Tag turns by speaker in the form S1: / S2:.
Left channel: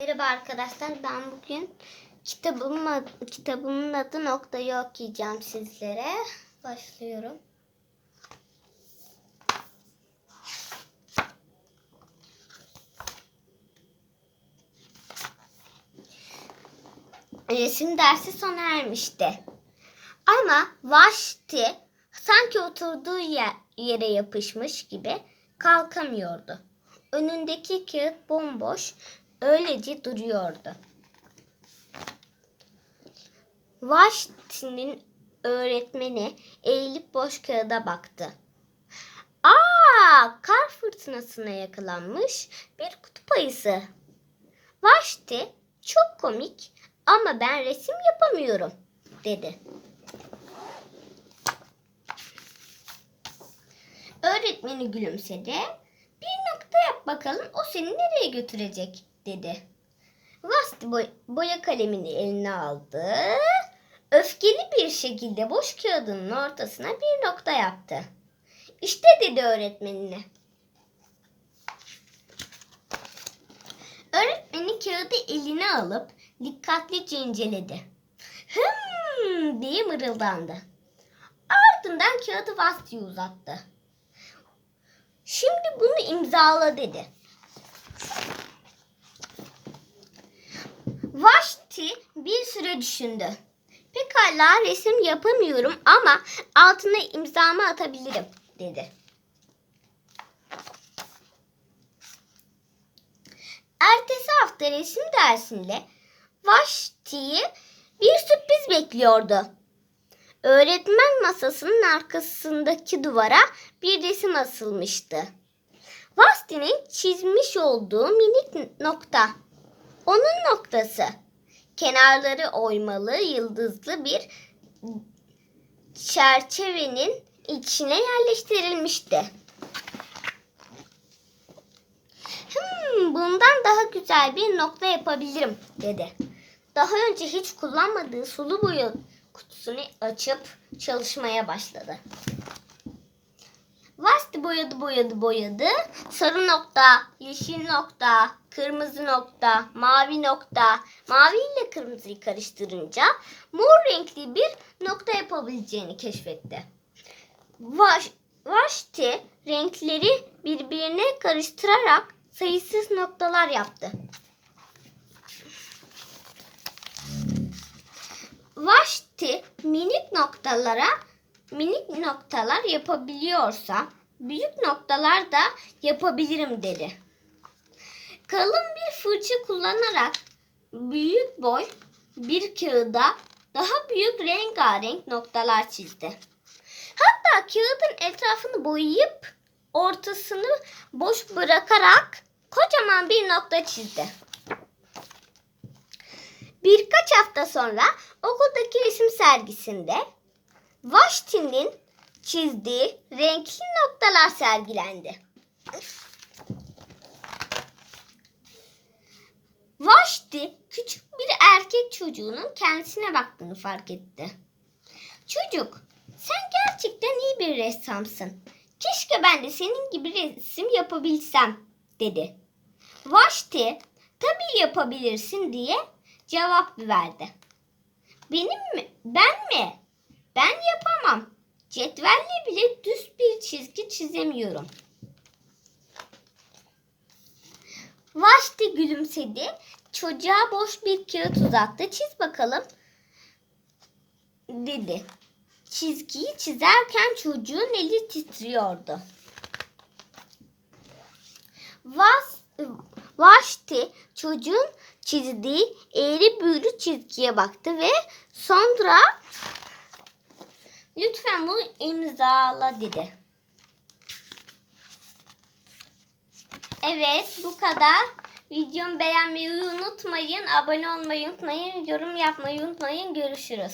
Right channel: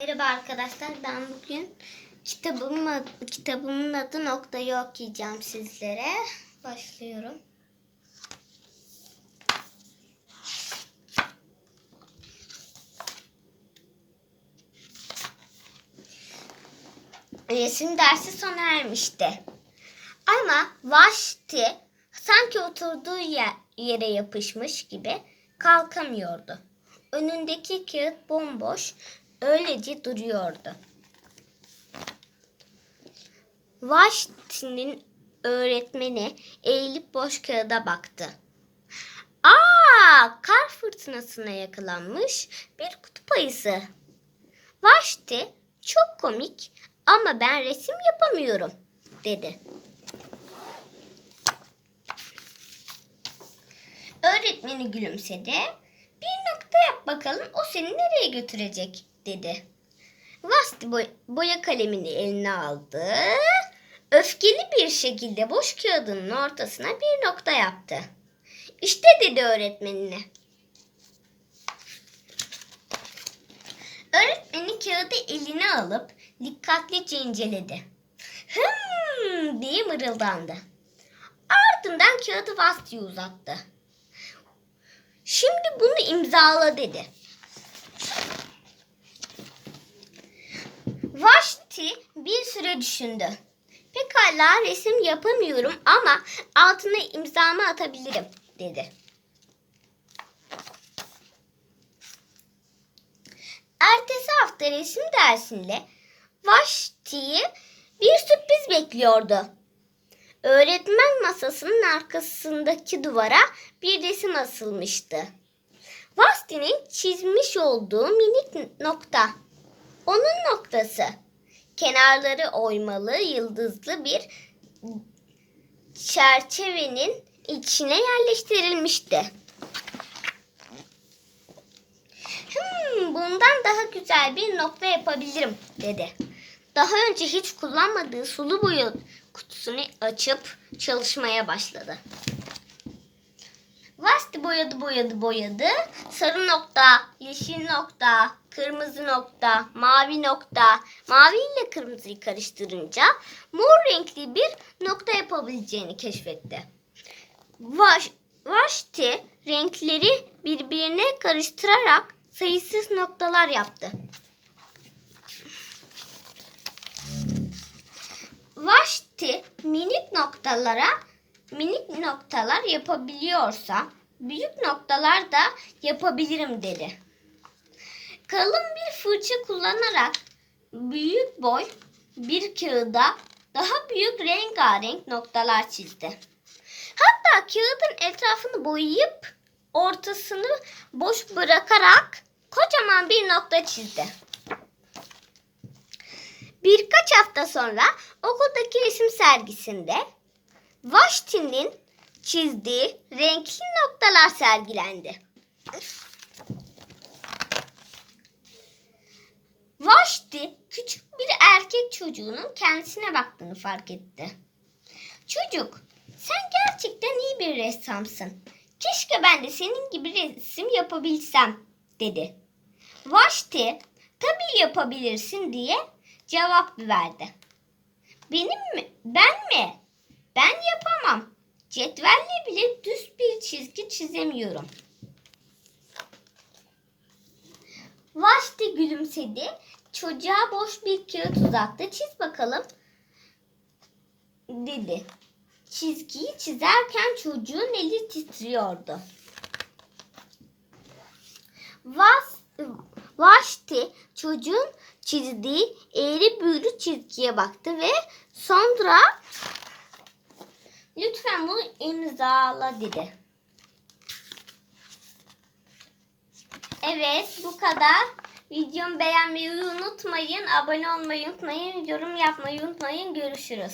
S1: Merhaba arkadaşlar. Ben bugün kitabımın, kitabımın adı Noktayı okuyacağım sizlere. Başlıyorum. Resim dersi sona ermişti. Ama Vaşti sanki oturduğu yer- yere yapışmış gibi kalkamıyordu. Önündeki kağıt bomboş, öylece duruyordu. Vaşti'nin öğretmeni eğilip boş kağıda baktı. Aa, kar fırtınasına yakalanmış bir kutup ayısı. Vaşti, çok komik ama ben resim yapamıyorum, dedi. Öğretmeni gülümsedi. Bir nokta yap bakalım o seni nereye götürecek dedi. Vasti boy- boya kalemini eline aldı. Öfkeli bir şekilde boş kağıdının ortasına bir nokta yaptı. İşte dedi öğretmenine. Öğretmeni kağıdı eline alıp dikkatlice inceledi. Hmm diye mırıldandı. Ardından kağıdı Vasti'ye uzattı. Şimdi bunu imzala dedi. Vaşti bir süre düşündü. Pekala resim yapamıyorum ama altına imzamı atabilirim dedi. Ertesi hafta resim dersinde Vaşti'yi bir sürpriz bekliyordu. Öğretmen masasının arkasındaki duvara bir resim asılmıştı. Vasti'nin çizmiş olduğu minik nokta. Onun noktası. Kenarları oymalı, yıldızlı bir çerçevenin içine yerleştirilmişti. Hmm, bundan daha güzel bir nokta yapabilirim dedi. Daha önce hiç kullanmadığı sulu boya kutusunu açıp çalışmaya başladı. Vasti boyadı boyadı boyadı. Sarı nokta, yeşil nokta, kırmızı nokta, mavi nokta. Mavi ile kırmızıyı karıştırınca mor renkli bir nokta yapabileceğini keşfetti. Vaş, Vaşti renkleri birbirine karıştırarak sayısız noktalar yaptı. Vaşti minik noktalara minik noktalar yapabiliyorsa büyük noktalar da yapabilirim dedi. Kalın bir fırça kullanarak büyük boy bir kağıda daha büyük rengarenk noktalar çizdi. Hatta kağıdın etrafını boyayıp ortasını boş bırakarak kocaman bir nokta çizdi. Birkaç hafta sonra okuldaki resim sergisinde Vaşti'nin çizdiği renkli noktalar sergilendi. Vaşti küçük bir erkek çocuğunun kendisine baktığını fark etti. Çocuk, sen gerçekten iyi bir ressamsın. Keşke ben de senin gibi resim yapabilsem, dedi. Vaşti, tabii yapabilirsin diye cevap verdi. Benim mi? Ben mi? Ben yapamam. Cetvelle bile düz bir çizgi çizemiyorum. Vaşti gülümsedi. Çocuğa boş bir kağıt uzattı. Çiz bakalım. Dedi. Çizgiyi çizerken çocuğun eli titriyordu. Vas, Vaşti çocuğun çizdiği eğri büğrü çizgiye baktı ve sonra lütfen bunu imzala dedi. Evet bu kadar. Videomu beğenmeyi unutmayın. Abone olmayı unutmayın. Yorum yapmayı unutmayın. Görüşürüz.